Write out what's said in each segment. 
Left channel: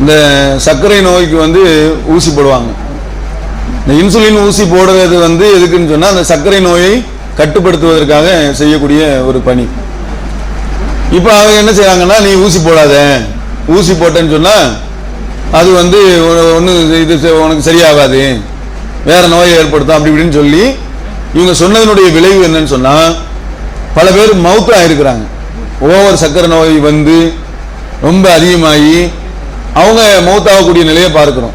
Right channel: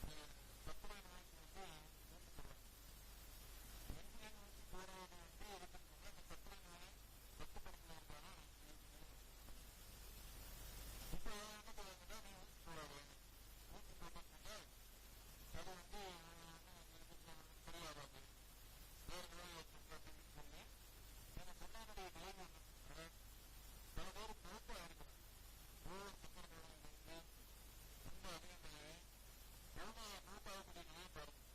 இந்த சர்க்கரை நோய்க்கு வந்து ஊசி போடுவாங்க. இந்த இன்சுலின் ஊசி போடுறது வந்து எதுக்குன்னு சொன்னால் அந்த சர்க்கரை நோயை கட்டுப்படுத்துவதற்காக செய்யக்கூடிய ஒரு பணி. இப்போ அவங்க என்ன செய்கிறாங்கன்னா நீ ஊசி போடாத. ஊசி போட்டேன்னு சொன்னால் அது வந்து ஒன்று இது செ- உனக்கு சரியாகாது. வேறு நோயை ஏற்படுத்தும் அப்படி இப்படின்னு சொல்லி இவங்க சொன்னதனுடைய விளைவு என்னன்னு சொன்னால் பல பேர் மவுத்தாக இருக்கிறாங்க. ஓவர் சர்க்கரை நோய் வந்து ரொம்ப அதிகமாகி அவங்க மௌத்தாகக்கூடிய நிலையை பார்க்கிறோம்.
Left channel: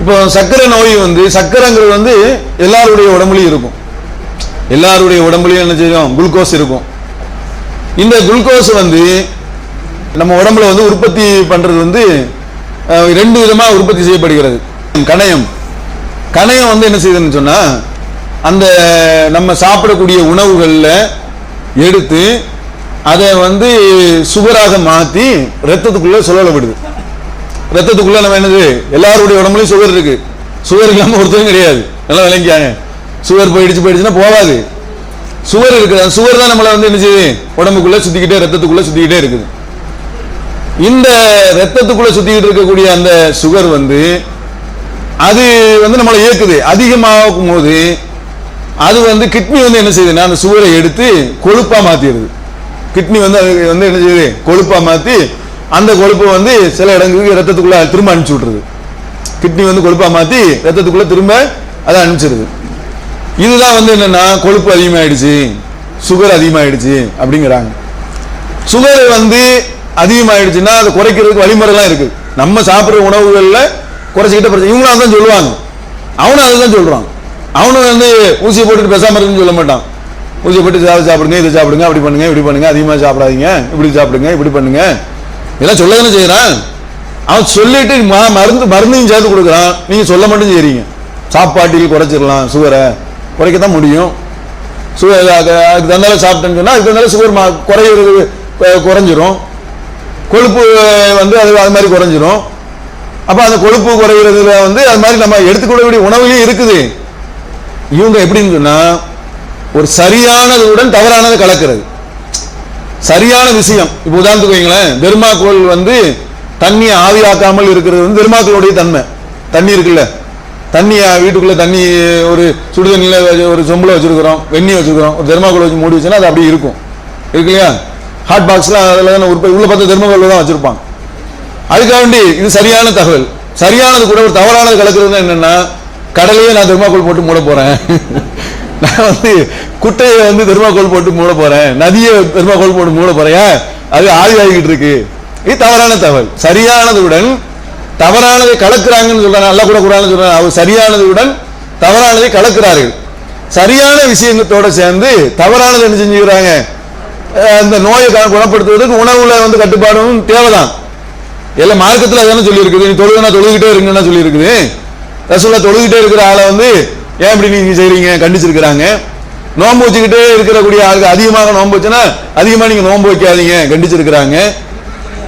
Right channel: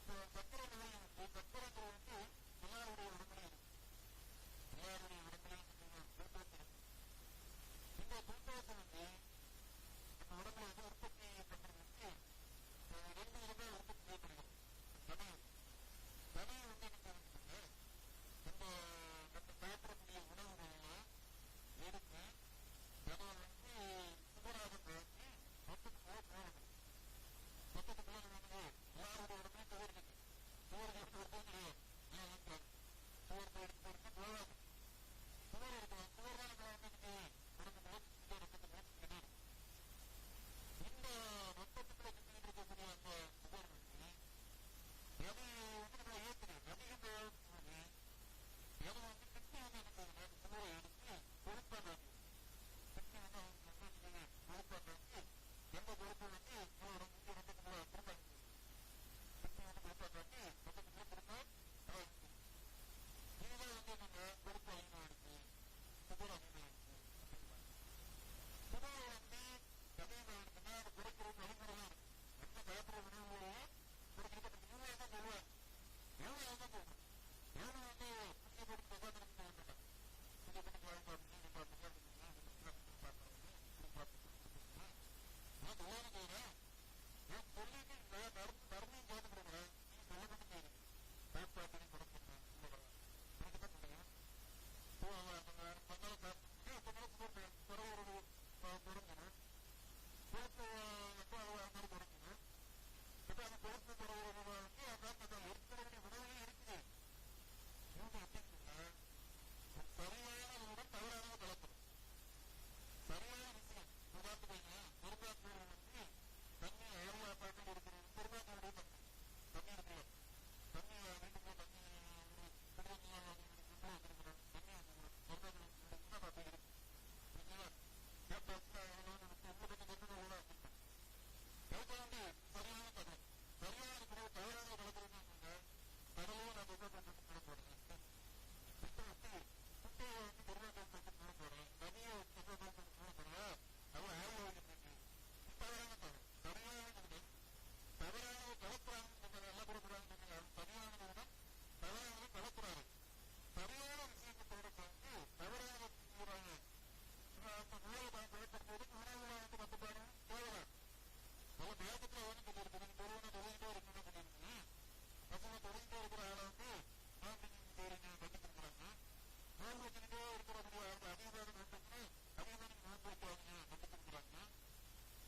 இப்போ சர்க்கரை நோய் வந்து சர்க்கரைங்கிறது வந்து எல்லாருடைய உடம்புலையும் இருக்கும். எல்லாருடைய உடம்புலையும் என்ன செய்யும்? குளுக்கோஸ் இருக்கும். இந்த குளுக்கோஸ் வந்து நம்ம உடம்புல வந்து உற்பத்தி பண்ணுறது வந்து ரெண்டு விதமாக உற்பத்தி செய்யப்படுகிறது. கணையம். கணையம் வந்து என்ன செய்யுதுன்னு சொன்னால் அந்த நம்ம சாப்பிடக்கூடிய உணவுகளில் எடுத்து அதை வந்து சுகராக மாற்றி ரத்தத்துக்குள்ளே சுழலப்படுது விடுது ரத்தத்துக்குள்ள நம்ம என்னது? எல்லாருடைய உடம்புலயும் சுகர் இருக்கு. சுகர் இல்லாம ஒருத்தரும் கிடையாது. நல்லா விளங்கியாங்க. சுகர் போயிடுச்சு போயிடுச்சுன்னா போகாது. சுகர் இருக்குது. அந்த சுகர் தான் நம்மளை வந்து என்ன செய்யுது? உடம்புக்குள்ள சுத்திக்கிட்டே ரத்தத்துக்குள்ள சுத்திக்கிட்டே இருக்குது. இந்த ரத்தத்துக்குள்ள சுத்திக்கிட்டு இருக்கக்கூடிய அந்த சுகர் வந்து அது வந்து நம்மளை இயக்குது அதிகமாகும் போது அது வந்து கிட்னி வந்து என்ன செய்யுதுன்னா அந்த சுகரை எடுத்து கொழுப்பா மாத்திடுது. கிட்னி வந்து அது வந்து என்ன செய்யுது? கொழுப்பா மாத்தி அந்த கொழுப்பை வந்து சில இடங்களுக்கு ரத்தத்துக்குள்ள திரும்ப அனுப்பிச்சு விட்டுருது. கிட்னி வந்து கொழுப்பா மாத்தி ரத்தத்துக்குள்ள திரும்ப அதை அனுப்பிச்சிருது. இதுதான் வந்து என்னன்னா கொழுப்பு அதிகமாயிடுச்சு சுகர் அதிகமாயிடுச்சு அப்படிங்கிறாங்க. சுகர் வந்து அதிகமாயிடுச்சுன்னா அதை குறைக்கிறதுக்கு வழிமுறைலாம் இருக்கு. நம்ம சாப்பிட்ற உணவுகளில் குறைச்சிக்கிட்ட பிரச்சனை இவங்களும் அதான் சொல்லுவாங்க. அவனும் அதுதான் சொல்றான். அவனும் வந்து ஊசியை போட்டுட்டு பேசாமல் இருக்குன்னு சொல்ல மாட்டான். ஊசியை போட்டு சாப்பிடுங்க இதை சாப்பிடுங்க அப்படி பண்ணுங்க இப்படி பண்ணுங்க அதிகமாக சாப்பிடாதீங்க இப்படி சாப்பிடுங்க இப்படி பண்ணுங்க இதெல்லாம் சொல்ல தானே செய்கிறான் அவன் சொல்லிட்டு மருந்து மருந்தையும் சேர்த்து கொடுக்குறான். நீங்கள் சொல்ல மட்டும் செய்கிறீங்க சாப்பாட்டில் குறைச்சிடலாம் சுகரை குறைக்க தான் முடியும். சுகர் அதுக்கு தந்தாலும் சாப்பிட்டேன்னு சொன்னால் அதுக்கு தந்தாலும் சுகர் மா- குறையிறது குறைஞ்சிரும். கொழுப்பு வந்து அது அது மாதிரி குறைஞ்சிரும். அப்போ அந்த கொழுப்பு குறைகிறதுல வந்து அது மாதிரி நம்ம எடுத்துக்கொள்ளக்கூடிய உணவுலையும் இருக்குது. இவங்க எப்படின்னு சொன்னால் ஒரு சரியானதுடன் தவறானது கலக்கிறது. சரியான விஷயம். இப்போ உதாரணத்துக்கு வைங்களேன் பெருமாக்கோள் வந்து தண்ணியை ஆவியாக்காமல் இருக்கிறது வந்து பெருமாக்களுடைய தன்மை. தண்ணி இருக்குல்ல? தண்ணி வீட்டுக்குள்ள தண்ணி ஒரு சுடு தண்ணியில ஒரு சொம்பில் வச்சிருக்கிறோம் வெந்நீர் வச்சுருக்குறோம் ஒரு தெர்மாக்கோல் வச்சு மூடி வச்சுன்னா அது அப்படியே இருக்கும். இருக்கு இல்லையா? ஹாட் பாக்ஸ்லாம் அதில் தானே உற்பத்தி உள்ள பார்த்து தெர்மாக்கோல் தான் வச்சுருப்பாங்க. அதுக்காக வேண்டி இது சரியான தகவல். சரியானது கூட ஒரு தவறானது கலக்கிறது என்னென்னா கடலையே நான் தெர்மாக்கோல் போட்டு மூட போறேன். நான் வந்து குட்டையை வந்து தெர்மாக்கோல் போட்டு மூட போறேன். நதியை தெர்மாக்கோல் போட்டு மூட போறேன். அது ஆவி ஆகிட்டு இருக்கு. இது தவறான தகவல். சரியானதுடன் தவறானதை கலக்குறாங்கன்னு சொல்றாங்க. அல்ல கூட கூடாதுன்னு சொல்றாங்க. அவர் சரியானதுடன் தவறானதை கலக்குறார்கள். சரியான விஷயங்களோட சேர்ந்து தவறானது என்ன செஞ்சுக்கிறாங்க? அந்த நோயை குணப்படுத்துவதற்கு உணவுல வந்து கட்டுப்பாடும் தேவைதான். எல்லாம் மார்க்கத்தில் அதான சொல்லியிருக்குது. நீ தொழுதுனா தொழுகிட்டே இருங்கன்னா சொல்லியிருக்குது. இருக்குது தொழுகிட்டே இருக்கிற ஆளை வந்து ஏன் இப்படி நீங்க செய்கிறீங்க கண்டிச்சிருக்கிறாங்க. நோன்பு வச்சுக்கிட்டே இருக்கக்கூடிய ஆளுக்கு அதிகமாக நோன்பு வச்சுன்னா அதிகமாக நீங்க நோன்பு வைக்காதீங்க. கண்டிச்சிருக்கிறாங்க.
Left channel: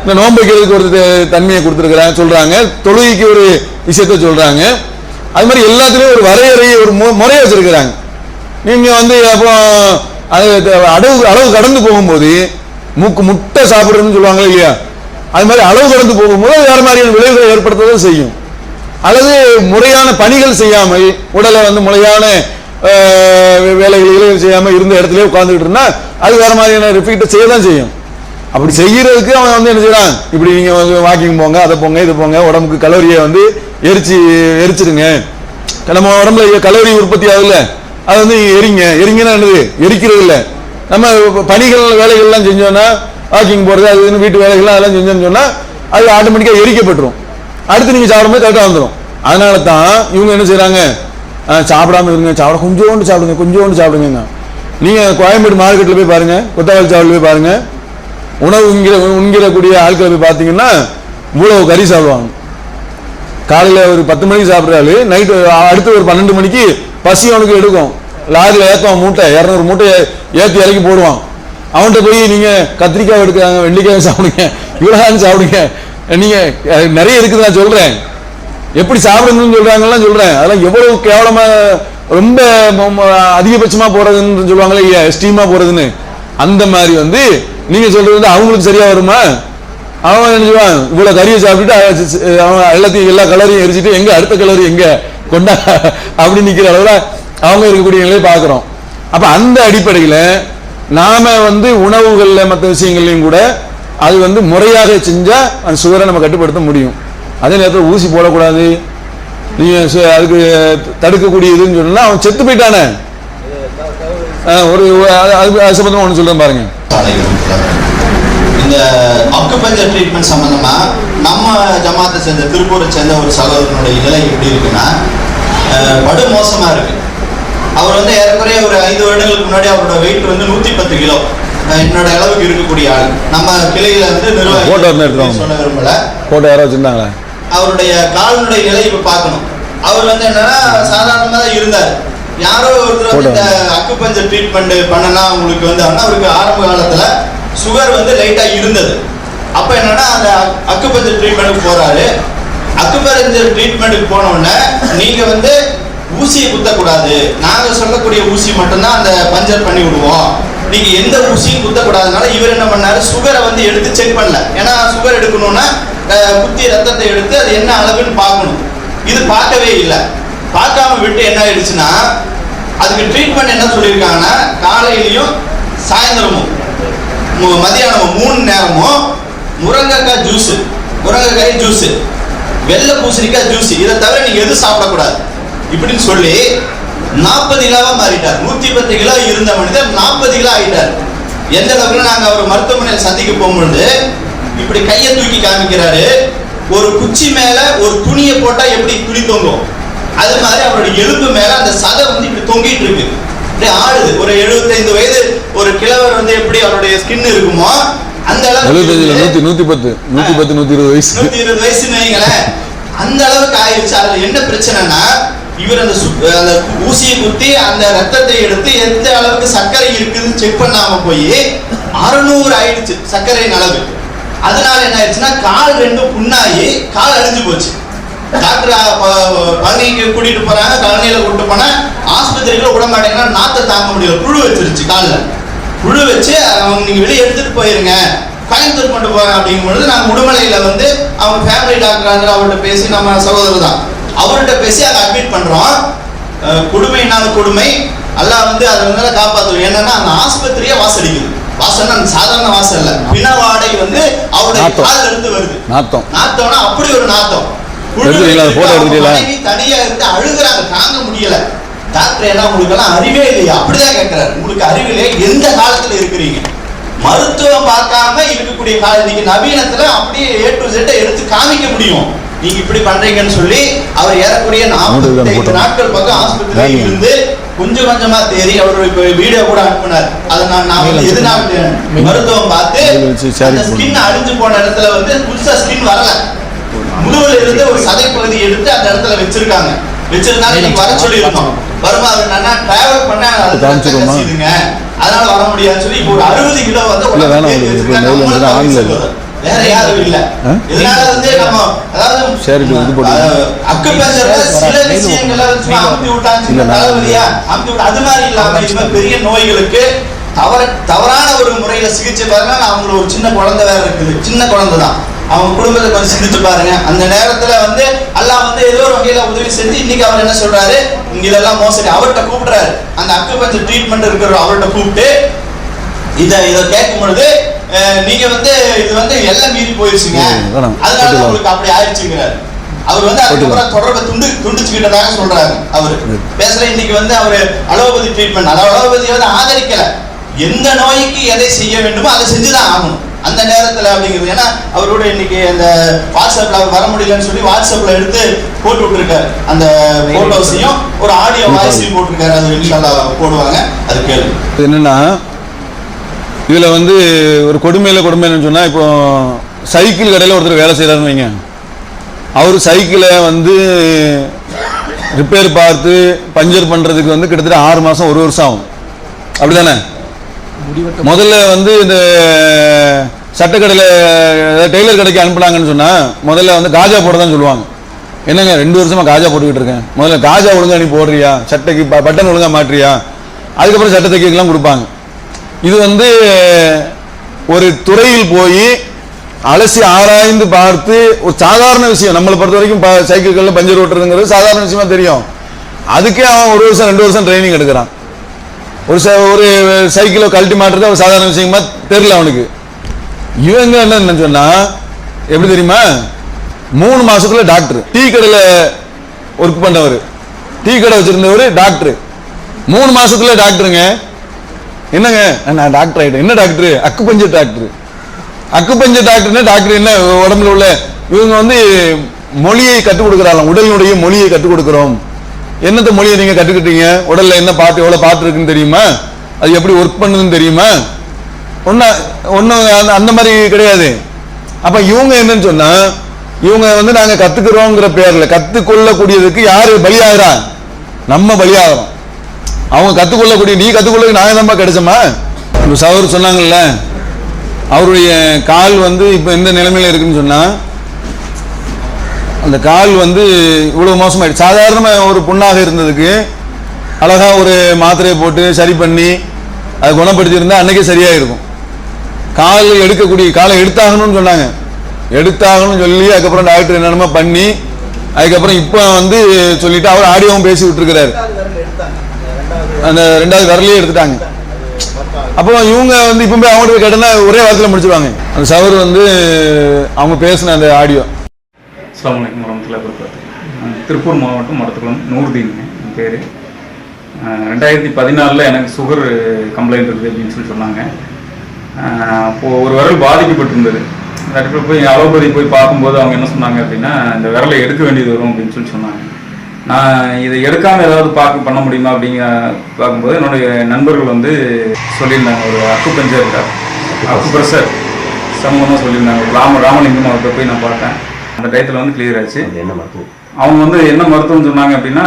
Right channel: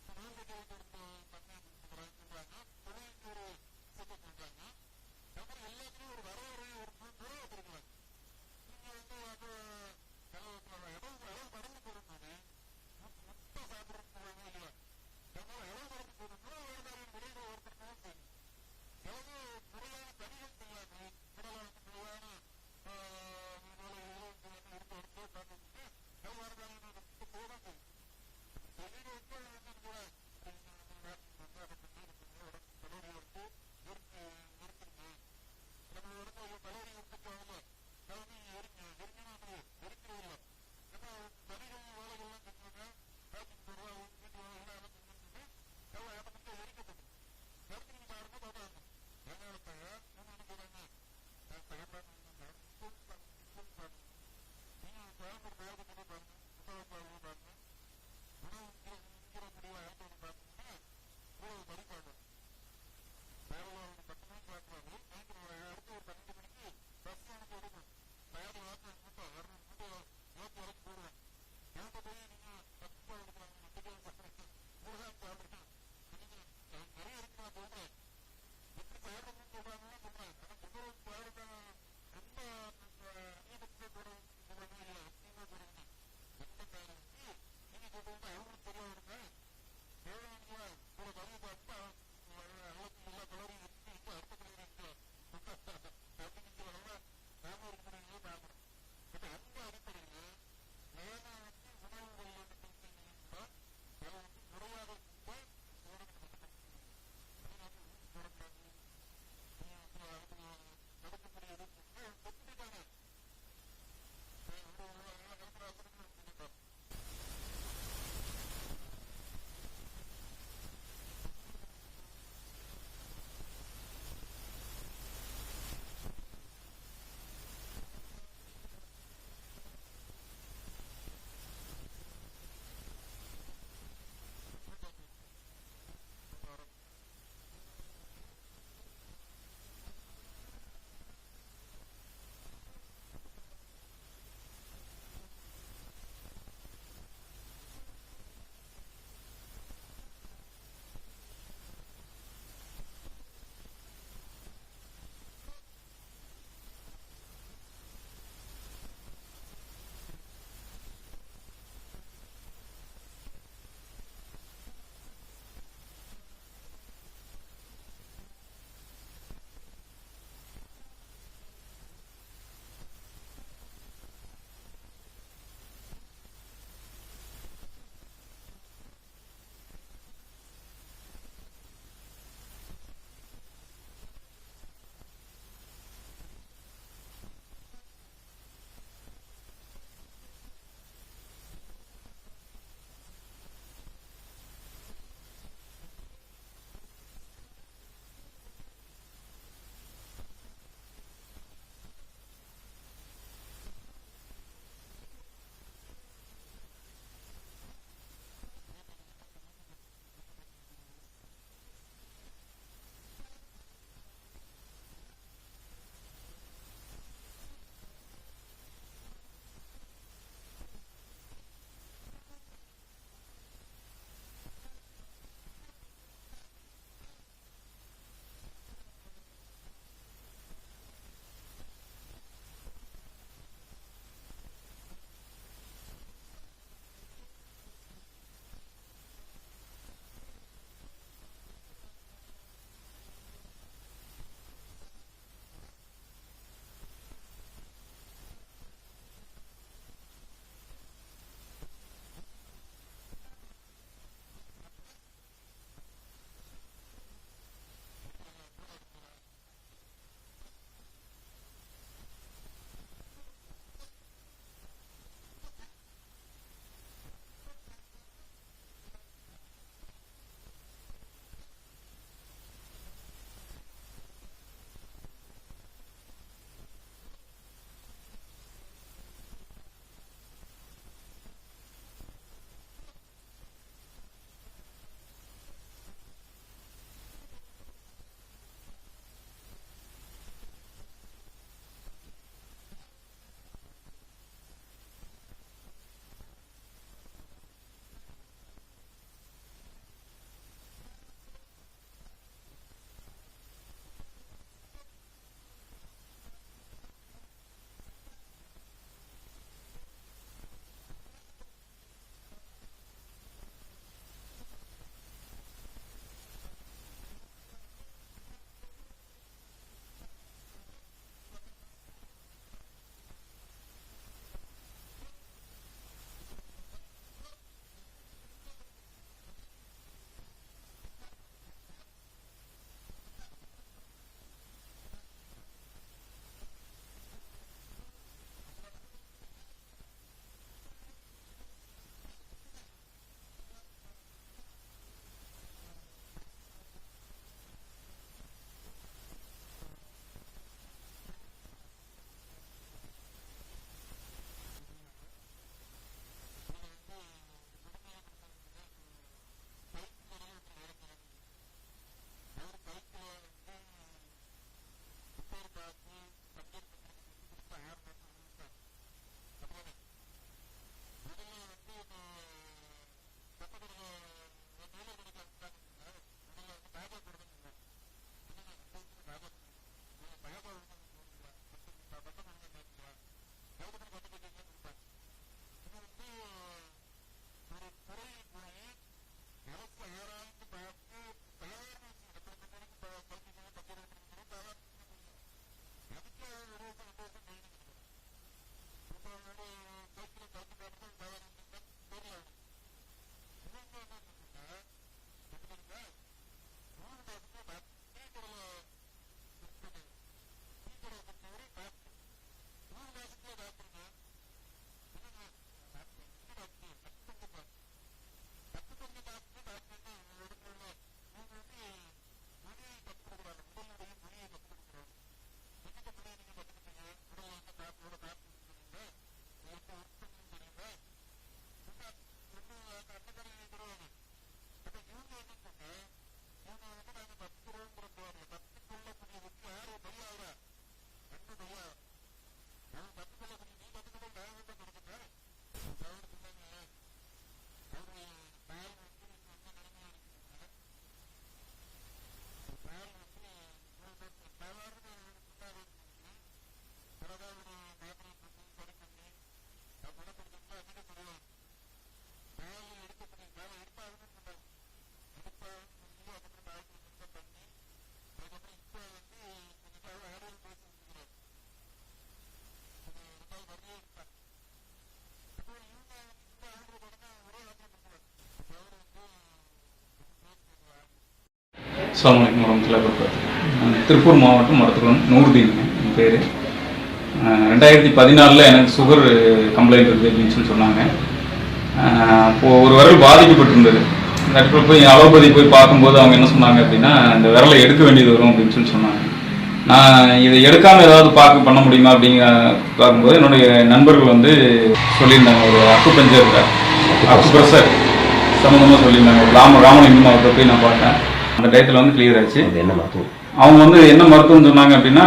இந்த நோன்பு வைக்கிறதுக்கு ஒரு தன்மையை கொடுத்துருக்குறாங்க சொல்றாங்க. தொழுகைக்கு ஒரு விஷயத்த சொல்றாங்க. அது மாதிரி எல்லாத்துலேயும் ஒரு வரையறையை ஒரு மு- முறையை வச்சிருக்கிறாங்க. நீங்க வந்து அப்போ அது அளவு அளவு கடந்து போகும்போது மூக்கு முட்டை சாப்பிடுறதுன்னு சொல்லுவாங்களே இல்லையா? அது மாதிரி அளவு கடந்து போகும்போது வேறு வேற மாதிரியான விளைவுகளை ஏற்படுத்ததான் செய்யும். அல்லது முறையான பணிகள் செய்யாமல் உடலை வந்து முறையான அஹ், செய்யாமல் இருந்த இடத்துல உட்கார்ந்துட்டு இருந்தா அது வேற மாதிரியான ரிப்பீட்டை செய்ய தான் செய்யும். அப்படி செய்யறதுக்கு அவன் வந்து என்ன செய்யறான்? இப்படி நீங்க வாக்கிங் போங்க அதை போங்க இது போங்க உடம்புக்கு கலோரியை வந்து எரிச்சு எரிச்சிடுங்க. நம்ம உடம்புல கலோரி உற்பத்தி ஆகுதுல்ல அது வந்து எரிங்க. எரிங்கன்னா என்னது? எரிக்கிறது இல்லை. நம்ம பணிகள் வேலைகள்லாம் செஞ்சோம்னா வாக்கிங் போறது அது இதுன்னு வீட்டு வேலைகள்லாம் அதெல்லாம் செஞ்சோம்னு சொன்னா அது ஆட்டோமேட்டிக்காக எரிக்கப்பட்டுரும். அடுத்து நீங்க சாப்பிடும்போது கரெக்டாக வந்துடும் அதனால தான் இவங்க என்ன செய்கிறாங்க சாப்பிடாம இருங்க சாப்பிட கொஞ்சோண்டு சாப்பிடுங்க கொஞ்சோண்டு சாப்பிடுங்க நீங்கள் கோயம்பேடு மார்க்கெட்டில் போய் பாருங்கள் கொத்தவாளி சாவல் போய் பாருங்கள் உணவு உண்கிற உண்கிறக்கூடிய ஆட்களை போய் பார்த்தீங்கன்னா இவ்வளோ கறி சாப்பிடுவாங்க. காலையில் ஒரு பத்து மணிக்கு சாப்பிட்றாரு நைட்டு அடுத்து ஒரு பன்னெண்டு மணிக்கு பசி அவனுக்கு எடுக்கும். லாரியில் ஏற்றுவான் மூட்டை இரநூறு மூட்டை ஏற்றி இறக்கி போடுவான். அவன்கிட்ட போய் நீங்கள் கத்திரிக்காய் எடுக்கிறாங்க வெள்ளிக்காய் சாப்பிடுங்க இவ்வளோ சாப்பிடுங்க. நீங்க நிறைய இருக்குது நான் சொல்றேன். எப்படி சாப்பிடணும்னு சொல்றாங்கலாம் சொல்றேன். அதெல்லாம் எவ்வளவு கேவலமா ரொம்ப அதிகபட்சமா போறதுன்னு சொல்லுவாங்களே இல்லையா? எஸ்டீமா போறதுன்னு அந்த மாதிரி வந்து நீங்க சொல்றது வந்து அவங்களுக்கு சரியா வருமா? அவன் நினைச்சுவான் இவ்வளவு கறியை சாப்பிட்டுட்டு அவன் எல்லாத்தையும் எல்லா கலரையும் எரிச்சிட்டு எங்க அடுத்த கலர் எங்க? கொண்டா அப்படி நிக்கிற அளவுல அவங்க இருக்கக்கூடிய நிலையை பார்க்கிறோம். அப்ப அந்த அடிப்படையில நாம வந்து உணவுகள்ல மற்ற விஷயங்கள்லயும் கூட அது வந்து முறையாக செஞ்சா அந்த சுகரை நம்ம கட்டுப்படுத்த முடியும். அதே நேரத்தில் ஊசி போடக்கூடாது. நீங்க சு- அதுக்கு தடுக்கக்கூடிய இதுன்னு சொன்னா அவன் செத்து போயிட்டானே. ஒரு அது அது- அது ஒன்று சொல்கிறேன் பாருங்க. இந்த அக்குபஞ்சர் ட்ரீட்மெண்ட் சம்பந்தமா நம்ம ஜமாத்தை சேர்ந்த திருப்பூரை சேர்ந்த ஒரு சகோதரனுடைய நிலை எப்படி இருக்குன்னா படு மோசமா இருக்கு. அவர் வந்து ஏறக்குறைய ஒரு ஐந்து வருடங்களுக்கு முன்னாடி அவரோட வெயிட் வந்து நூத்தி பத்து கிலோ. என்னோட அளவுக்கு இருக்கக்கூடிய ஆள். நம்ம கிளையில வந்து. நிர்வாகி சொல்ல விரும்பல. போட்டோ யாரோ வச்சிருந்தாங்களா? அவருடைய காலினுடைய நிலை இப்ப பார்க்கணும். அவர் வந்து என்னன்னா சாதாரணமா தான் இருந்தார். யாரோ ஒருத்தர் இந்த அக்குபஞ்சர் ட்ரீட்மெண்ட் பண்ணனா உங்களுக்கு வந்து அவருக்கு ஆரம்ப காலத்துல சுகர் வந்து லைட்டா இருந்தது. அப்ப என்னன்னா அந்த அக்குபஞ்சர் ட்ரீட்மெண்ட்டுக்கு போறாரு. அக்குபஞ்சர் ட்ரீட்மெண்ட்டுக்கு போன உடனே நீங்க வந்து ஊசியை குத்தக்கூடாது. நாங்க சொல்லக்கூடிய ஊசி மட்டும்தான் அந்த பஞ்சர் பண்ணி விடுவோம். நீங்க எந்த ஊசியும் குத்தக்கூடாதுனால இவர் என்ன பண்ணாரு? சுகரை வந்து எடுத்து செக் பண்ணல. ஏன்னா சுகர் எடுக்கணும்னா குத்தி ரத்தத்தை எடுத்து அது என்ன அளவுன்னு பார்க்கணும். இது பார்க்கவே இல்லை. பார்க்காம விட்டு என்ன ஆயிடுச்சுன்னா அதுக்கு ட்ரீட்மெண்ட் என்ன சொல்லியிருக்காங்கன்னா காலையிலையும் சாயந்தரமும் மதியானம் மதியானமும் மூணு நேரமும் முருங்கைக்காய் ஜூஸ் முருங்கைக்காய் ஜூஸ் வெள்ளை பூசணிக்காய் ஜூஸ் இதை தவிர நீங்க எதுவும் சாப்பிடக்கூடாது. இப்படின்னு சொல்லி நாற்பது கிலோவா மாறிட்டார். நூத்தி பத்து கிலோ இருந்த மனிதர் நாற்பது கிலோ ஆயிட்டார். எந்த அளவுக்கு நாங்க அவர் மருத்துவமனையில் சந்திக்க போகும்பொழுது இப்படி கையை தூக்கி காமிக்கிறாரு. ஒரு குச்சி மேல ஒரு துணியை போட்டா எப்படி துணி தொங்கும்? அது மாதிரி அவருடைய எலும்பு மேல அந்த சதை வந்து இப்படி தொங்கிட்டு இருக்கு. அப்படியே ஆடுது. ஒரு 75 வயது ஒரு கிழவர் வந்து எப்படி அவருடைய ஸ்கின் இருக்குமோ அந்த அளவுக்கு நூத்தி நூத்தி பத்து. நூத்தி பத்து நூத்தி இருபது வயசு. நூத்தி இருபது வயசுன்னு வைங்களேன். அந்த அளவுக்கு ஆயிடுச்சு அதுல என்ன பிரச்சனைனா இவர் அந்த சு- அந்த ஊசியை குத்தி அந்த ரத்தத்தை எடுத்து எந்த அளவுக்கு சர்க்கரை இருக்குதுன்னு செக் பண்ணாம போய் அறுநூறு ஆயிடுச்சு சர்க்கரையின் அளவு அதனால என்ன ஆயிடுச்சுன்னா கால் ரெண்டும் புண்ணாகி கால் அழிஞ்சு போச்சு. டாக்டர் பழனிக்கு கூட்டிட்டு போறாங்க கழனியில கூட்டிட்டு போனா ஆஸ்பத்திரியில விட மாட்டேங்கன்னா நாத்தை தாங்க முடியல. புழு வச்சிருச்சு காலில். புழு வச்சு அவங்க நீங்க வெளியே எடுத்துட்டு போயிருங்க. கோயம்புத்தூர் கொண்டு போறேன் அப்படிங்கும் பொழுது நாங்கள் உடுமலையில வந்து அவங்க ஃபேமிலி டாக்டர் அவர்கிட்ட பேசி நம்ம சகோதரர் தான். அவர்கிட்ட பேசி அதை அட்மிட் பண்றோம். அஹ், கொடுமைனால கொடுமை. அல்லாஹ் வந்து அதை வந்து காப்பாற்றுவோம் என்னன்னா அந்த ஆஸ்பத்திரியே வாசடிக்குது. வாசல்னா சாதாரண வாசல் இல்ல. பிண வாடை வந்து அவருடைய. கால்ல இருந்து வருது. நாத்தம். நாத்தம்னா அப்படி ஒரு நாத்தம். தனியா இருந்து அழுகுறாங்க. தாங்க முடியல. டாக்டர் என்ன உங்களுக்கு எல்லாம் அறிவே இல்லையா? அப்படிதான் கேட்கிறாரு உங்களுக்கு அறிவு இல்லையா எந்த காலத்துல இருக்கிறீங்க? மருத்துவம் பார்க்காம இருக்கக்கூடிய காலம் இன்னைக்கு நவீனத்துல அப்படியே ஏ டு Z எடுத்து காமிக்க முடியும். நீங்க இப்படி பண்றீங்கன்னு சொல்லி அவர் ஏறக்குறைய மூணு நாற்பத்தி. நாட்கள் பக்கம் ஆஸ்பத்திரியில்? இருந்து கொஞ்சம் கொஞ்சமா தேறி அவர் இப்ப வீடியோ கூட அனுப்புனார். அதை நான் நான் எதனால மருத்துவம் பார்த்து. ஸ்கின் அழிஞ்சு போன இடத்துல வந்து புதுசா ஸ்கின் வரல. முதுகுல இருந்து ஒரு சதை பகுதி எடுத்து அந்த இடத்துல வச்சிருக்காங்க. வச்சிருந்தாங்க இன்னைக்கு வர சொல்லி இருக்கோம் வருமா அது என்னன்னா டிராவல் பண்ண அதனால வர முடியாதுன்னு சொல்லி இப்போ ஒரு அறுபது கிலோ வந்து வேற யாரும் இல்ல? இதனால வந்து நம்ம அதாவது சரி, இது. அக்குபஞ்சர்ல சில விஷயங்களை அமுத்தி நான் தலைவலியா அமுத்தி விட்டா அது மாதிரி இல்லாம இது பெரிய நோய்களுக்கு தவற தவறான ஒரு முறையில சிகிச்சை பாருங்க. நான் அவங்களுக்கு ஒரு சின்ன குழந்தை வேற இருக்குது. சின்ன குழந்தை தான் அவங்க குடும்பத்தை கொஞ்சம் சிந்திச்சு பாருங்க. அந்த நேரத்துல வந்து அல்லாஹ் வந்து ஏதோ ஒரு வகையில உதவி செஞ்சு இன்னைக்கு அவர் என்ன சொல்றாரு? இங்க இதெல்லாம் மோசடி. அவர்கிட்ட கூப்பிடுறாரு. அந்த அக்குபஞ்சர் ட்ரீட்மெண்ட் இருக்கிற அவர்கிட்ட கூப்பிட்டு இத இத கேட்கும் பொழுது நீங்க வந்து இது வந்து எல்லாம் மீறி போயிருச்சுங்க. அதனால. உங்களுக்கு அப்படி ஆயிடுச்சுங்கிறாரு. அவர் வந்து அதுக்கப்புறம் தொடர்பை துண்டு துண்டிச்சுக்கிட்டதாக சொல்றாரு அவரு. பேசுற இன்னைக்கு வந்து அவரு அலோபதி ட்ரீட்மெண்ட் அதாவது அலோபதியை வந்து ஆதரிக்கல. எந்த நோய்க்கு எதை செய்ய வேண்டுமோ அதை செஞ்சுதான் ஆகணும். அந்த நேரத்துல அப்படிங்கிறது. ஏன்னா அவரோட இன்னைக்கு அந்த வாட்ஸ்அப்ல அவர் வர முடியலன்னு சொல்லி வாட்ஸ்அப்ல எடுத்து போட்டு விட்டுருக்காரு. அந்த போட்டோஸையும் ஒரு ஆடியோ வாய்ஸையும் போட்டிருக்காரு. அது இன்ஷால்லா போடுவாங்க. அது கேளு. இது என்னன்னா இதில் வந்து ஒரு கொடுமையில் கொடுமைன்னு சொன்னால் இப்போ சைக்கிள் கடையில் ஒருத்தர் வேலை செய்கிறாருன்னு வைங்க. அவர் சைக்கிளை வந்து ரிப்பேர் பார்த்து பஞ்சர் பண்ணுறதுக்கு வந்து கிட்டத்தட்ட ஆறு மாதம் ஒரு வருஷம் ஆகும். அப்படி தானே முதல்ல வந்து இந்த சட்டக்கடையில் டெய்லர் கடைக்கு அனுப்புனாங்கன்னு சொன்னால் முதல்ல வந்து காஜா போட தான் சொல்லுவாங்க. என்னங்க ரெண்டு வருஷமாக காஜா போட்டுக்கிட்டு இருக்கேன். முதல்ல காஜா ஒழுங்கா நீ போடுறியா? சட்டைக்கு பட்டன் ஒழுங்கா மாட்டுறியா அதுக்கப்புறம் சட்டை தைக்கலாம் கொடுப்பாங்க. இது வந்து ஒரு துறையில் போய் அலசி ஆராய்ந்து பார்த்து ஒரு சாதாரண விஷயம். நம்மளை பொறுத்த வரைக்கும் சைக்கிள்களில் பஞ்சர் ஓட்டுறதுங்கிறது சாதாரண விஷயமா தெரியும். அதுக்கே அவன் ஒரு வருஷம் ரெண்டு வருஷம் ட்ரைனிங் எடுக்கிறான். ஒரு ச- ஒரு சைக்கிளை கழட்டி மாட்டுறது அவன் சாதாரண விஷயமா தெரியல அவனுக்கு. இவங்க என்ன சொன்னா எப்படி தெரியுமா? மூணு மாசத்துல டாக்டர் டீ கடையில் ஒர்க் பண்ணவர். டீ கடை வச்சிருந்தவர் டாக்டர் மூணு மாசத்துல டாக்டருங்க என்னங்க? நான் டாக்டர் ஆகிட்டேன் என்ன டாக்டர் அக்குப்பஞ்ச டாக்டர் அக்குப்பஞ்ச டாக்டர்னா டாக்டர் என்ன உடம்புல உள்ள? இவங்க வந்து மொழியை கற்றுக் கொடுக்குறாங்க உடலினுடைய மொழியை கற்றுக் கொடுக்குறோம். என்னத்த மொழியை நீங்கள் கற்றுக்கிட்டீங்க? உடலில் என்ன பாட்டு எவ்வளோ பாட்டு இருக்குன்னு தெரியுமா? அது எப்படி ஒர்க் பண்ணுதுன்னு தெரியுமா? ஒன்றும் ஒன்றும் அந்த மாதிரி கிடையாது. அப்போ இவங்க என்னன்னு சொன்னால் இவங்க வந்து நாங்கள் கற்றுக்குறோங்கிற பேரில் கற்றுக்கொள்ளக்கூடியதுக்கு யார் பலியாகிறா? நம்ம பலியாகிறோம். அவங்க கற்றுக்கொள்ளக்கூடிய நீ கற்றுக்கொள்ள நான் தான் கிடைச்சோமா இப்ப சவர் சொன்னாங்கல்ல அவருடைய கால் வந்து இப்போ எந்த நிலைமையில இருக்குன்னு சொன்னால் அந்த கால் வந்து இவ்வளோ மோசமாயிடுச்சு. சாதாரணமாக ஒரு புண்ணாக இருந்ததுக்கு அழகா ஒரு மாத்திரையை போட்டு சரி பண்ணி அதை குணப்படுத்தியிருந்தால் அன்றைக்கே சரியாக இருக்கும் கால் எடுக்கக்கூடிய காலை எடுத்தாகணும்னு சொன்னாங்க. எடுத்தாகணும்னு சொல்லி அதுக்கப்புறம் டாக்டர் என்னென்னமோ பண்ணி அதுக்கப்புறம் இப்போ வந்து சொல்லிவிட்டு அவர் ஆடியோவும் பேசி விட்டுருக்கிறாரு. அந்த ரெண்டாவது விரலையே எடுத்துட்டாங்க. அப்போ இவங்க வந்து இப்போ போய் அவங்ககிட்ட போய் ஒரே வாரத்தில் முடிச்சிருவாங்க. அந்த சவர் வந்து அவங்க பேசின அந்த ஆடியோ அஸ்லாம் வரமத்துல வரமத்துல்லாஹி திருப்பூர் மாவட்டம் மருத்துவம் நூறுதீனுங்க என் பேர். ரெண்டாயிரத்தி பதினாலில் எனக்கு சுகர் கம்ப்ளைண்ட் இருக்குது அப்படின்னு சொல்லி சொன்னாங்க. அப்போது ஒரு விரல் பாதிக்கப்பட்டிருந்தது. டாக்டர் போய் அலோபதி போய் பார்க்கும்போது அவங்க என்ன சொன்னாங்க அப்படின்னா இந்த விரலை எடுக்க வேண்டியது வரும் அப்படின்னு சொல்லி சொன்னாங்க. நான் இதை எடுக்காமல் ஏதாவது பார்க்க பண்ண முடியுமா அப்படிங்க பார்க்கும்போது என்னுடைய நண்பர்கள் வந்து சொல்லியிருந்தாங்க. ஒரு அக்கு பஞ்சர் அக்கு ப்ரெஷர் சம்மந்தமாக சொல்லியிருந்தாங்க. ராம ராமலிங்கம் அவர்கிட்ட போய் நான் பார்த்தேன். அந்த டயத்தில் வந்து கிளியர் ஆச்சு. என்ன மருத்துவம்? அவங்க வந்து என்ன மருத்துவம் சொன்னாங்க அப்படின்னா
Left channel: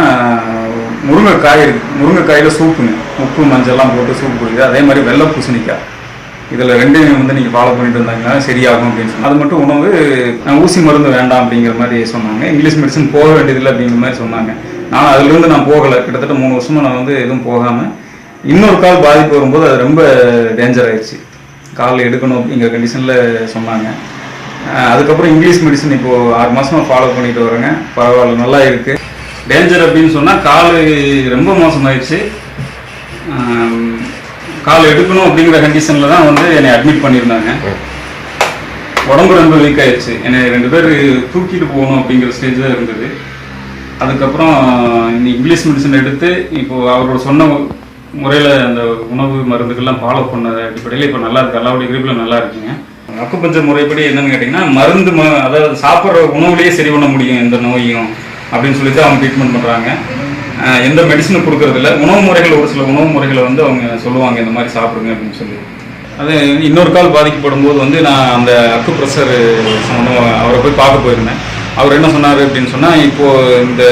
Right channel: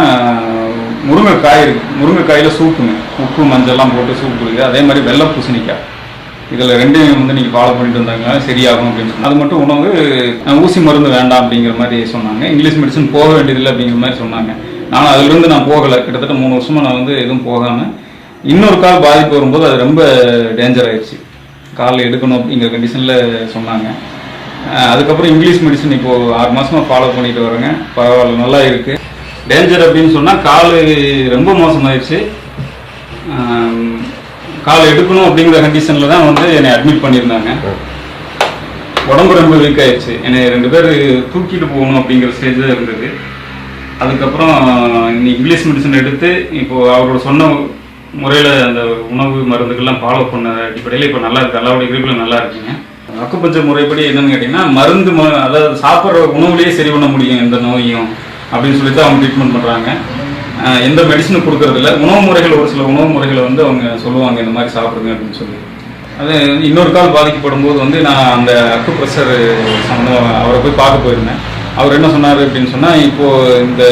முருங்கைக்காய் இருக்கு. முருங்கைக்காயில் சூப்புங்க. உப்பு மஞ்சள்லாம் போட்டு சூப் குடிக்குது. அதே மாதிரி வெள்ளை பூசணிக்காய். இதில் ரெண்டையும் வந்து நீங்கள் ஃபாலோ பண்ணிட்டு வந்தாங்கன்னா சரியாகும் அப்படின்னு சொன்னாங்க. அது மட்டும் உணவு ஊசி மருந்து வேண்டாம் அப்படிங்கிற மாதிரி சொன்னாங்க. இங்கிலீஷ் மெடிசன் போக வேண்டியதில்லை அப்படிங்கிற மாதிரி சொன்னாங்க. நானும் அதுலேருந்து நான் போகலை. கிட்டத்தட்ட மூணு வருஷமாக நான் வந்து எதுவும் போகாமல் இன்னொரு கால் பாதிப்பு வரும்போது அது ரொம்ப டேஞ்சர் ஆயிடுச்சு. கால் எடுக்கணும் அப்படிங்கிற கண்டிஷனில் சொன்னாங்க. அதுக்கப்புறம் இங்கிலீஷ் மெடிசன் இப்போது ஆறு மாதமாக ஃபாலோ பண்ணிட்டு வரேங்க பரவாயில்ல நல்லா இருக்குது டேஞ்சர் அப்படின்னு சொன்னால் கால் ரொம்ப மோசமாயிடுச்சு. கால் எடுக்கணும் அப்படிங்கிற கண்டிஷனில் தான் வந்து என்னை அட்மிட் பண்ணியிருந்தாங்க. உடம்பு ரொம்ப வீக் ஆயிடுச்சு என்னை ரெண்டு பேர் தூக்கிட்டு போகணும் அப்படிங்கிற ஸ்டேஜ் தான் இருந்தது. அதுக்கப்புறம் இங்கிலீஷ் மெடிசன் எடுத்து இப்போது அவரோட சொன்ன முறையில் அந்த உணவு மருந்துகள்லாம் ஃபாலோ பண்ண அடிப்படையில் இப்போ நல்லா இருக்குது அல்லாவுடைய கிரிப்பில் நல்லா இருக்குங்க. அக்குப்பஞ்ச முறைப்படி என்னன்னு கேட்டிங்கன்னா மருந்து ம- அதாவது சாப்பிட்ற உணவுலேயே சரி பண்ண முடியும் எந்த நோயும் அப்படின்னு சொல்லிட்டு அவங்க ட்ரீட்மெண்ட் பண்ணுறாங்க எந்த மெடிசனும் கொடுக்கறதில்ல. உணவு முறைகள் ஒரு சில உணவு முறைகளை வந்து அவங்க சொல்லுவாங்க இந்த மாதிரி சாப்பிடுங்க அப்படின்னு சொல்லி. அது இன்னொரு கால் பாதிக்கப்படும் போது வந்து நான் அந்த அக்கு ப்ரெஷர் சம்மந்தம் அவரை போய் பார்க்க போயிருந்தேன். அவர் என்ன சொன்னார் அப்படின்னு சொன்னால் இப்போது இந்த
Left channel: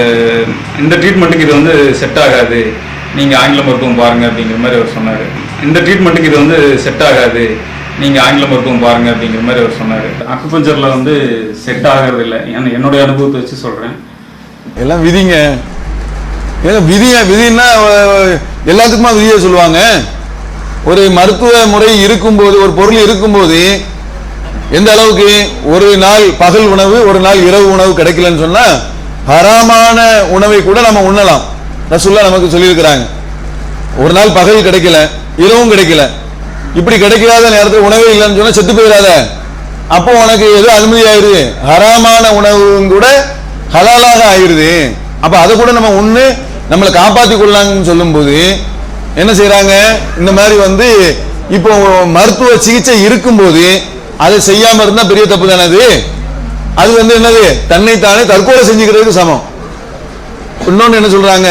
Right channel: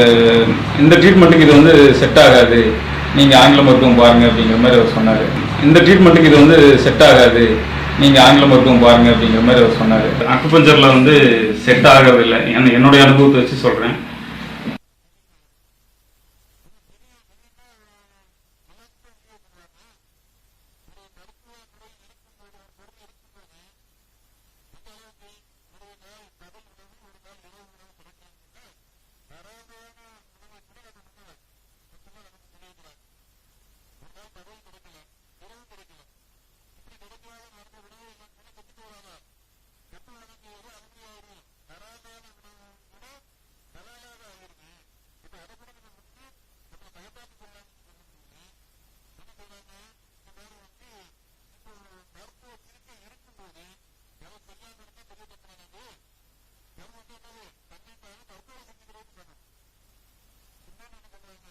இந்த ட்ரீட்மெண்ட்டுக்கு இது வந்து செட் ஆகாது. நீங்கள் ஆங்கில மருத்துவம் பாருங்க அப்படிங்கிற மாதிரி அவர் சொன்னார். இந்த ட்ரீட்மெண்ட்டுக்கு இது வந்து செட் ஆகாது. நீங்கள் ஆங்கில மருத்துவம் பாருங்க அப்படிங்கிற மாதிரி அவர் சொன்னார். அக்குபஞ்சரில் வந்து செட் ஆகிறது இல்லை என்னுடைய அனுபவத்தை வச்சு சொல்கிறேன் எல்லாம் விதிங்க. ஏன்னா விதிய விதின்னா எல்லாத்துக்குமா விதியை சொல்லுவாங்க? ஒரு மருத்துவ முறை இருக்கும்போது ஒரு பொருள் இருக்கும்போது எந்த அளவுக்கு ஒரு நாள் பகல் உணவு ஒரு நாள் இரவு உணவு கிடைக்கலன்னு சொன்னா ஹராமான உணவை கூட நம்ம உண்ணலாம். ரசுல்லா நமக்கு சொல்லியிருக்கிறாங்க. ஒரு நாள் பகல் கிடைக்கல இரவும் கிடைக்கல. இப்படி கிடைக்காத நேரத்தில் உணவே இல்லைன்னு சொன்னா செத்து போயிடாத. அப்போ உனக்கு எது அனுமதி ஆயிருது ஹராமான உணவும் கூட ஹலாலாக ஆயிருது அப்ப அதை கூட நம்ம ஒன்று நம்மளை காப்பாத்தி கொள்ளலாம்னு சொல்லும்போது என்ன செய்கிறாங்க இந்த மாதிரி வந்து இப்போ மருத்துவ சிகிச்சை இருக்கும்போது அதை செய்யாம இருந்தா பெரிய தப்பு தானே அது? அது வந்து என்னது? தன்னைத்தானே தற்கொலை செஞ்சுக்கிறதுக்கு சமம். இன்னொன்னு என்ன சொல்றாங்க?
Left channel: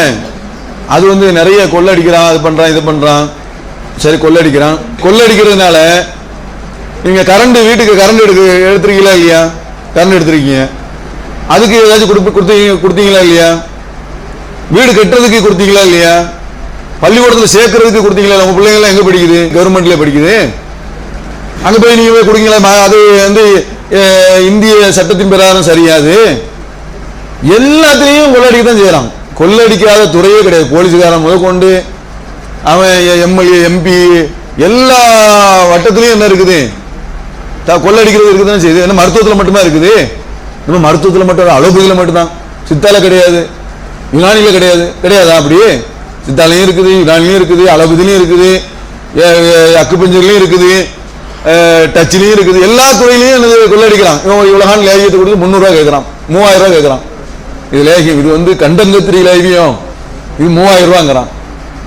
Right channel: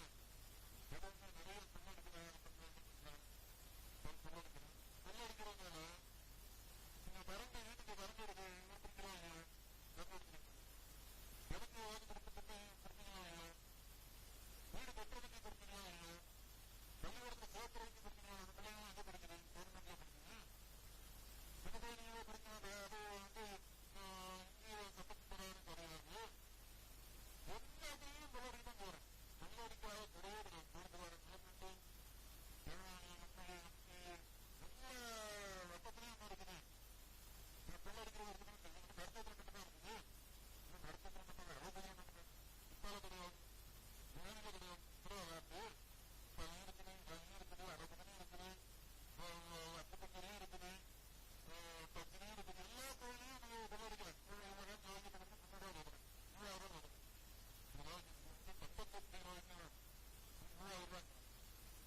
அது வந்து நிறைய கொள்ளடிக்கிறான் அது பண்றான் இது பண்றான். சரி கொள்ளடிக்கிறான். கொள்ளடிக்கிறதுனால நீங்க கரண்ட் வீட்டுக்கு கரண்ட் எடுக்க எடுத்துருக்கீங்களா இல்லையா? கரண்ட் எடுத்துருக்கீங்க. அதுக்கு ஏதாச்சும் கொடுப்பு கொடுத்தீங்க கொடுத்தீங்களா இல்லையா? வீடு கட்டுறதுக்கு கொடுத்தீங்களா இல்லையா? பள்ளிக்கூடத்தில் சேர்க்கறதுக்கு கொடுத்தீங்களா? உங்க பிள்ளைங்களாம் எல்லாம் எங்க படிக்குது? கவர்மெண்ட்ல படிக்குது. அங்க போய் நீங்க போய் கொடுங்களா அது வந்து இந்திய சட்டத்தின் பிரகாரம் சரியாது. எல்லாத்தையும் கொள்ளடிக்க தான் செய்யறான். கொள்ளடிக்காத துறையே கிடையாது. போலீஸ்காரன் முதற்கொண்டு அவன் எம்எல்ஏ எம்பி எல்லா வட்டத்திலையும் என்ன இருக்குது? கொள்ளடிக்கிறது இருக்குது தான் செய்யுது என்ன மருத்துவத்தில் மட்டும்தான் இருக்குது? நம்ம மருத்துவத்தில் மட்டும் அலோபதியில் மட்டும்தான். சித்தால கிடையாது. யுனானியில் கிடையாது. கிடையாதா அப்படி? சித்தாலையும் இருக்குது யுனானிலையும் இருக்குது அளபதிலையும் இருக்குது அக்குப்பஞ்சர்லையும் இருக்குது டச்சிலையும் இருக்குது. எல்லா துறையிலையும் என்னது கொள்ளடிக்கிறான் இவன் இவ்வளோகான் லேகியத்தை கொடுத்து முந்நூறுரூவா கேட்குறான். மூவாயிரம் ரூபா கேட்குறான். இது லேகியம். இது வந்து கண்டங்கத்திரி லேகியம். இது மூவாயிரம் ரூபாங்கிறான்.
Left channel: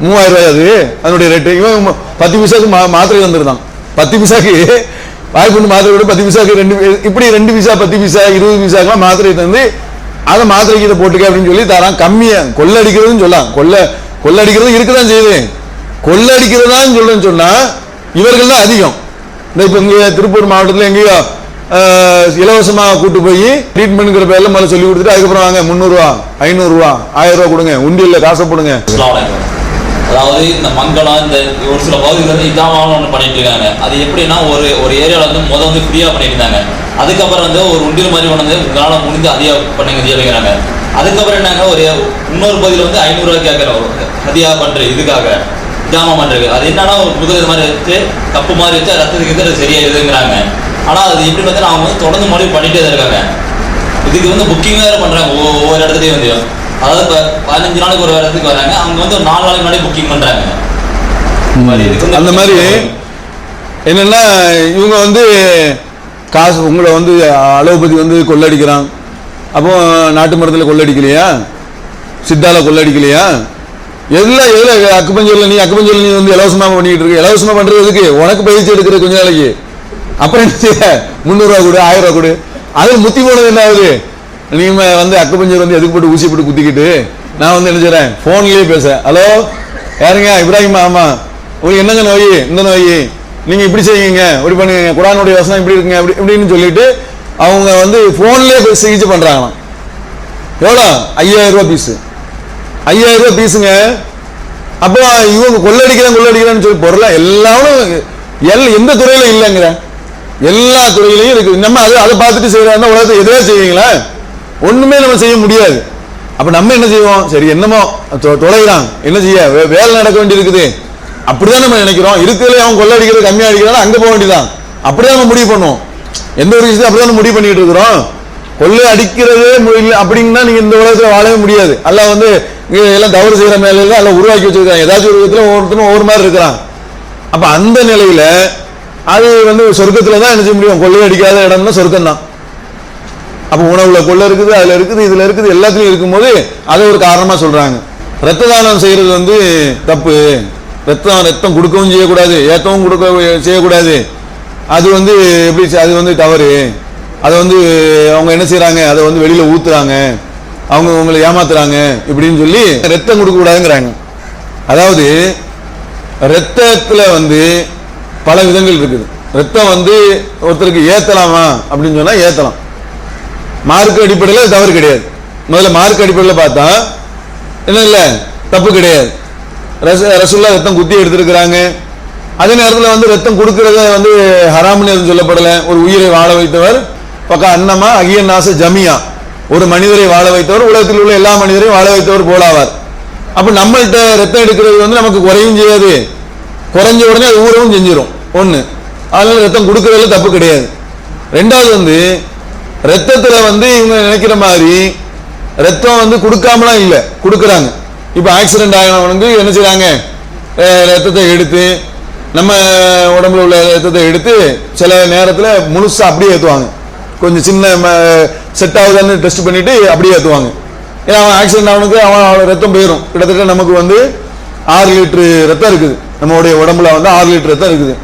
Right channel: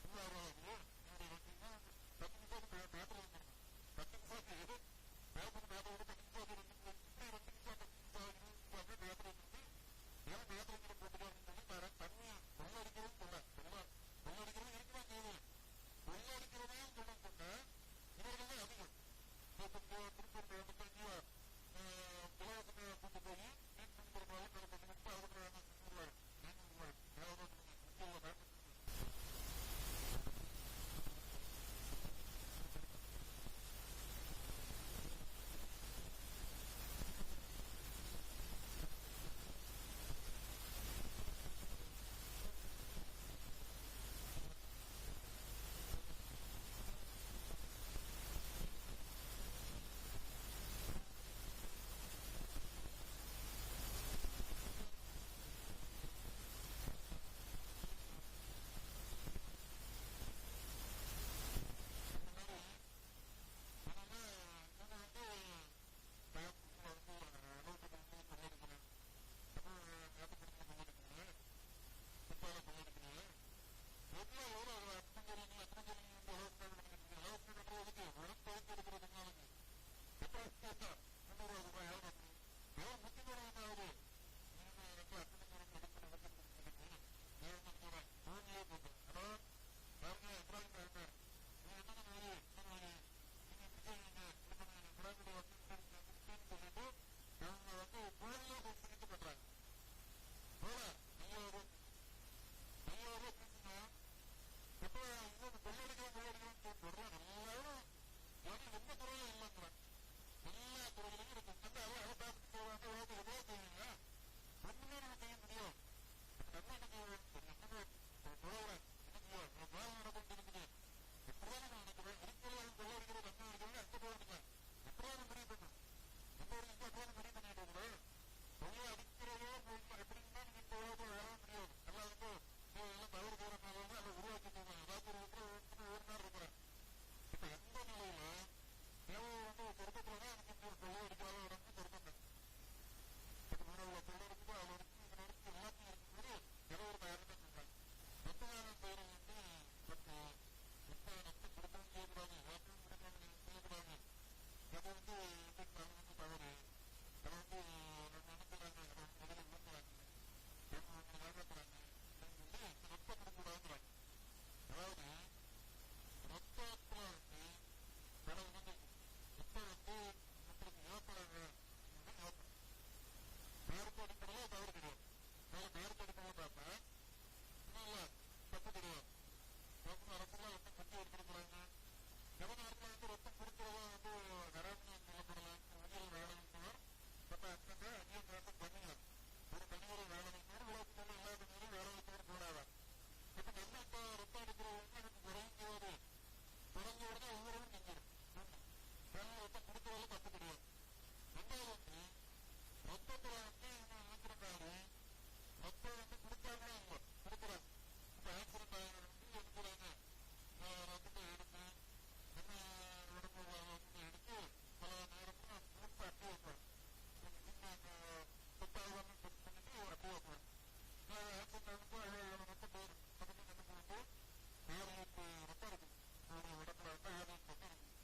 மூவாயிரம் ரூபாய் அது. அதனுடைய ரேட்டு இவன் பத்து பைசாக்கு மா மாத்திரை தந்துருந்தான் பத்து பைசாக்கு வாய்ப்புண்டு மாத்திரை விட பத்து பைசாக்கு ரெண்டு இப்படி ரெண்டு பைசா பத்து பைசா இருபது பைசாக்கெல்லாம் மாத்திரை தந்து அதை மாத்திரைக்கு இதை போட்டுக்க அப்படின்னு சொல்லி தரான். கம்மியா. கொள்ளடிக்கிறதுன்னு சொல்லலாம் கொள்ள கொள்ளடிக்கிறது இருக்குதான் செய்யுது. கொள்ளடிக்கிறதான்னு சொல்றேன்னு சொன்னா இவர்கள் தான் அதிகம். இந்த இப்போ இங்கே திருப்பூர் மாவட்டத்தில் எங்கேயோ இலவசமாக கூட்டு போய் ட்ரீட்மெண்ட்ங்கிற பேர்ல முதல்ல சொல்லி கொடுத்துட்டு அதுக்கப்புறம் வாங்க முந்நூறுரூவா ஐநூறுரூவா ஆயிரம் ரூபா கொடுங்க. உண்டியில் காசை போடுங்க. அதாவது இந்த மங்களம் இந்த ஒரு சில பகுதிகள் வந்து இதாமல் ஒன்று பண்ணிட்டு இருக்காங்க. அது எப்படின்னா ஒரு ஒரு ஏரியாவில் வந்து முதல் வந்து ஃப்ரீயாக பண்ணியிருந்தாங்க இருந்தாங்க. அதுக்கப்புறம் வந்து ஒரு உண்டியல் மாதிரி கொண்டு வந்து உங்களால் முடிஞ்சு அதிகம் பண்ணுங்க அப்படிங்கிறாங்க அதுக்கப்புறம் என்னங்க ஒரு இன்னொரு பகுதியில் வந்து ஐநூறுரூவா கேட்குறோம் அதிகமாக பண்ணுறது இதுக்காக ஜாமான் பண்ணுறது அது என்னன்னா ஒரு புது இது மாதிரி வச்சு தப்பு மாதிரி வச்சு ரத்தத்துக்கு அது இதுங்கிறாங்க ஆனால் அது எப்படி பார்த்தா அவங்க வந்து தொடர்ந்து மறுபடியும் பண்ணிகிட்டே தான் இருக்காங்க. இதுக்கு வந்து புக்கிங் வேறு பண்ணுறாங்க ஒவ்வொரு இடத்துலையும் வந்து. அதாவது இப்போ பதினஞ்சு நாளைக்கு ஒரு வாரத்துக்கு வராங்க. அவங்க வந்து ஒரு நாலு நாளைக்கு முன்னாடி புக்கிங் பண்ணுறாங்க அந்த மாதிரி என்னென்னா இவங்க வந்து காசு உங்களை வந்து அலோபதி வந்து கொள்ளடிக்கிறான் அப்போ நாட்டு மரத்தில் கொள்ளடிக்கலையா? சித்தால கொள்ளடிக்கலையா? எதுல எதில்? அக்குப்பஞ்சொல்ல நீ அக்குப்பஞ்சொல்ல நீ வந்து இலவசமாக பண்ணிக்கிட்டு இருக்க. இலவசமாக பண்ணுறது எதுக்கு? உனக்கு பயிற்சி எடுக்கிற கொஞ்ச நாளைக்கு. அப்புறம் என்ன செய்ய? முந்நூறுரூவா கொடு ஆயிரம் ரூபா கொடு. அது முத்தி போனது என்ன ஆகுது? நீங்கள் வந்து அக்குப்பஞ்சர் வந்து எதுக்கு போட்டு ஊசி போட்டு குத்திக்கிட்டு நான் வந்து என்ன செய்கிறேன் ஃபோன்லேயே பேசுகிறேன் ஹலோ யாருங்க? இப்ராஹிம் ஆமா. உங்களுக்கு என்னங்க நோய்? இந்த நோய். நீங்க இப்படி செய்யுங்க. இப்படி பண்ணுங்க. குரானுடைய வசனம் இப்படி இருக்குங்க. அப்படி இப்படின்னு சொல்லிட்டு அவங்க வந்து போன்லயே சிகிச்சை பண்றாங்களாம். எவ்வளோ? ஐயாயிரம் ரூபா பீஸு ஐயாயிரம் ரூபா பீஸுங்க அப்போ இவங்க கொள்ளடிக்கிறேன் கொள்ளடிக்கிறேன்னு சொல்லி பொருளா? எல்லாரும் எல் எந்த துறையில இல்லைங்கிற? எல்லா துறையிலையும் இருக்கு. நம்ம அதை அதை பார்த்துட்டு செய்யறாங்க உலகத்தை எதுவே செய்வீங்களா? ஒண்ணுமே நம்ம செய்ய முடியாது. அப்ப நம்ம என்ன செய்வோம்? சரி என்னமோ தொ- தொலைகிறான். என்ன செய்ய? வேலை நடக்க வேண்டி இருக்குது அப்படிதான் நம்ம நினைக்கிறோம். இருக்கிறதுல அவன் கொள்ளடிக்கிறது கம்மியா அடிக்கிறான்? அங்க போக வேண்டியதான் அப்படிதான் நம்ம முடிவு பண்ணுவோம். எந்த ஒரு விஷயத்தையும் அப்படிதான் முடிவு பண்ணிட்டு இருக்கிறோம். கொள்ளை அடிக்கிறதே முடியல அப்படின்னா நீங்க இந்த உலகத்துல வாழவே முடியாது. அல்ல வந்து எல்லாம் தவறு செய்யற மேல எல்லாம் உருவாக்கி வச்சிருக்காங்க ஏதாச்சும் ஒரு விதத்துல ஒவ்வொருத்தரும் ஒவ்வொரு மாதிரி இருக்கிறான். அப்ப அந்த நிலையில அது வந்து சொர்க்கத்துல தான் என்ன செய்ய முடியும்? கொள்ளை அடிக்காத இடம்னா சொர்க்கம் தான் அப்போ உணவுல கொள்ள இருக்குது அதுல இருக்குது இதுல இருக்குது எல்லாத்துலயும் இருக்கும்போது அதை ஒரு காரணமா சொல்றாங்க. ரத்த தானம் செய்யறது வந்து தப்பு. ரத்தம் ரத்தம் கொடுக்கவும் செய்யக்கூடாது ஏத்தவும் கொடுக்க செய்யக்கூடாது. அது வந்து எப்படி அது வந்து தவறு. அதை வந்து அவங்க என்ன செய்கிறாங்க அதை வந்து வெளியில ஊத்துறாங்க. அவங்க உங்களை ஏமாத்துறாங்க இப்படின்னு சொல்லி ரத்தம் கொடுக்க கூடாதுங்கிறாங்க அதாவது ரத்தத்துல வந்து பல விதங்கள் இருக்குது. ரத்தம் வந்து ஒருத்தருக்கு ஏத்தலாமா அப்படின்னு சொன்னா ஏத்தலாம். மார்க் அடிப்படையில் தவறு கிடையாது. முதல்ல மார்க் அடிப்படையில் பார்த்தா என்ன இல்லை தப்பு கிடையாது. ரச ரசுல்லா ரத்தம் குத்தி எடுத்திருக்கிறாங்க. அதே நேரத்தில் வந்து ரத்தம் கொடுக்கறத வந்து ஹராம்னு எதுவும் சொல்லப்படலை. ஒரு உயிரை வாழ வைத்தவர் பக்கம் அன்னமா அகியன் நாச ஜமியா. ஒரு மனிதரை வாழ வைத்தவர் உலகத்தில் உள்ள எல்லா மனிதரையும் வாழ வைத்தவர் போலாவார். அப்போ நம்மள்கிட்ட ரத்தம் எடுக்கிறது வந்து நமக்கு குறையும் செய்யாது. குறைஞ்ச உடனே அது ஊறவும் செஞ்சிடும் ஒன்று அதனால ரத்தம் கொடுக்கறதுல தப்பு கிடையாது. ரெண்டாவது வந்து ரத்தத்துல வந்து இவங்க நினைக்கிற மாதிரி ரத்தம் வந்து கொடுக்காமலாம் இல்லை கொடுக்குறாங்க. இப்போ ஆக்சிடென்ட் ஆகினவனுக்கு என்ன செய்கிறாங்க ரத்தத்தை எடுத்து நம்ம உடம்புல உள்ள ரத்தத்தை எடுத்து சில நேரத்தில் முழுசாக அப்படியே ஏற்றுவாங்க கொஞ்சம் சின்ன செட் ஆகுதான்னு டெஸ்ட் பண்ணிட்டு அப்படியே ஏற்றுவாங்க ஏன்னா அவன் ஆக்சிடென்ட் ஆனவனுக்கு அவன் அவன் ரத்தம் போயிடும் கிட்டத்தட்ட நமக்கு வந்து ஆறு லிட்டரு ரத்தம் இருக்குது. நம்மளுடைய உடம்புல வந்து ஆறு லிட்டர் ரத்தம் இருக்குது.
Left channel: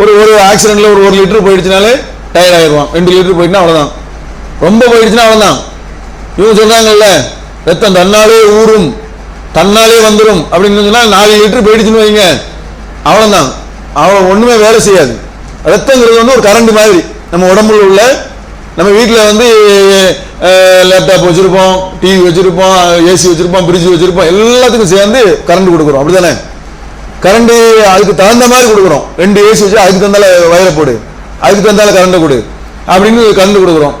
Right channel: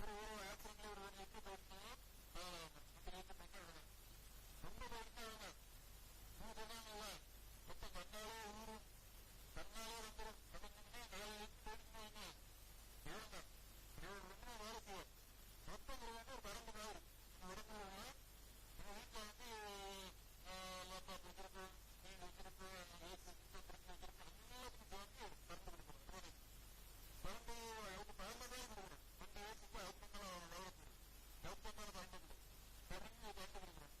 ஒரு ஒரு ஆக்சிடென்ட்ல ஒரு ஒரு லிட்டர் போயிடுச்சுனாலே டயர்ட் ஆயிடுவான் ரெண்டு லிட்டர் போயிட்டுனா அவ்வளோதான் ரொம்ப போயிடுச்சுன்னா அவ்வளோதான் இவங்க சொல்கிறாங்கல்ல ரத்தம் தன்னாலே ஊறும் தன்னாலே வந்துடும் அப்படின்னு சொன்னால் நாலு லிட்டர் போயிடுச்சுன்னு வைங்க. அவ்வளோதான் அவ்வளோ ஒன்றுமே வேலை செய்யாது. ரத்தங்கிறது வந்து ஒரு கரண்ட் மாதிரி. நம்ம உடம்புல உள்ள நம்ம வீட்டில் வந்து லேப்டாப் வச்சுருப்போம் டிவி வச்சுருப்போம் ஏசி வச்சுருப்போம் ஃப்ரிட்ஜ் வச்சுருப்போம் எல்லாத்துக்கும் சேர்ந்து கரண்ட் கொடுக்குறோம். அப்படி தானே கரண்ட் அதுக்கு தகுந்த மாதிரி கொடுக்குறோம். ரெண்டு ஏசி வச்சு அதுக்கு தகுந்தால வயலை போடு. அதுக்கு தந்தால கரண்டை கொடு. அப்படின்னு கரண்ட் கொடுக்குறோம்.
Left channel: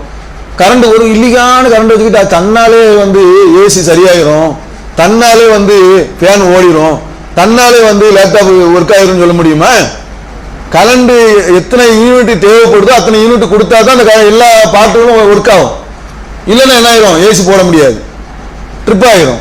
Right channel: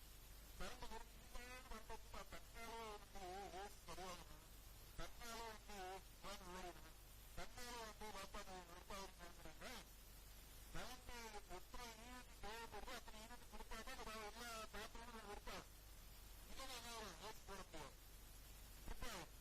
கரண்ட் ஒரு இல்லிகான கரண்ட் வச்சுக்கிட்டு தன்னாலே வந்து ஏசி சரியாயிரும். தன்னாலே வந்து ஃபேன் ஓடிரும். தன்னாலே வந்து லேப்டாப் ஒர்க் ஆயிரும்னு சொல்ல முடியுமா? கரண்ட் எத்தனை யூனிட் தேவைப்படுதோ அத்தனை யூனிட் கொடுத்தா தான் அந்த க- எல்லா பாட்டுகளும் ஒர்க் ஆகும். இல்லைன்னா என்ன ஆயிரும்? ஏசி போட முடியாது. ட்ரிப் ஆயிரும்.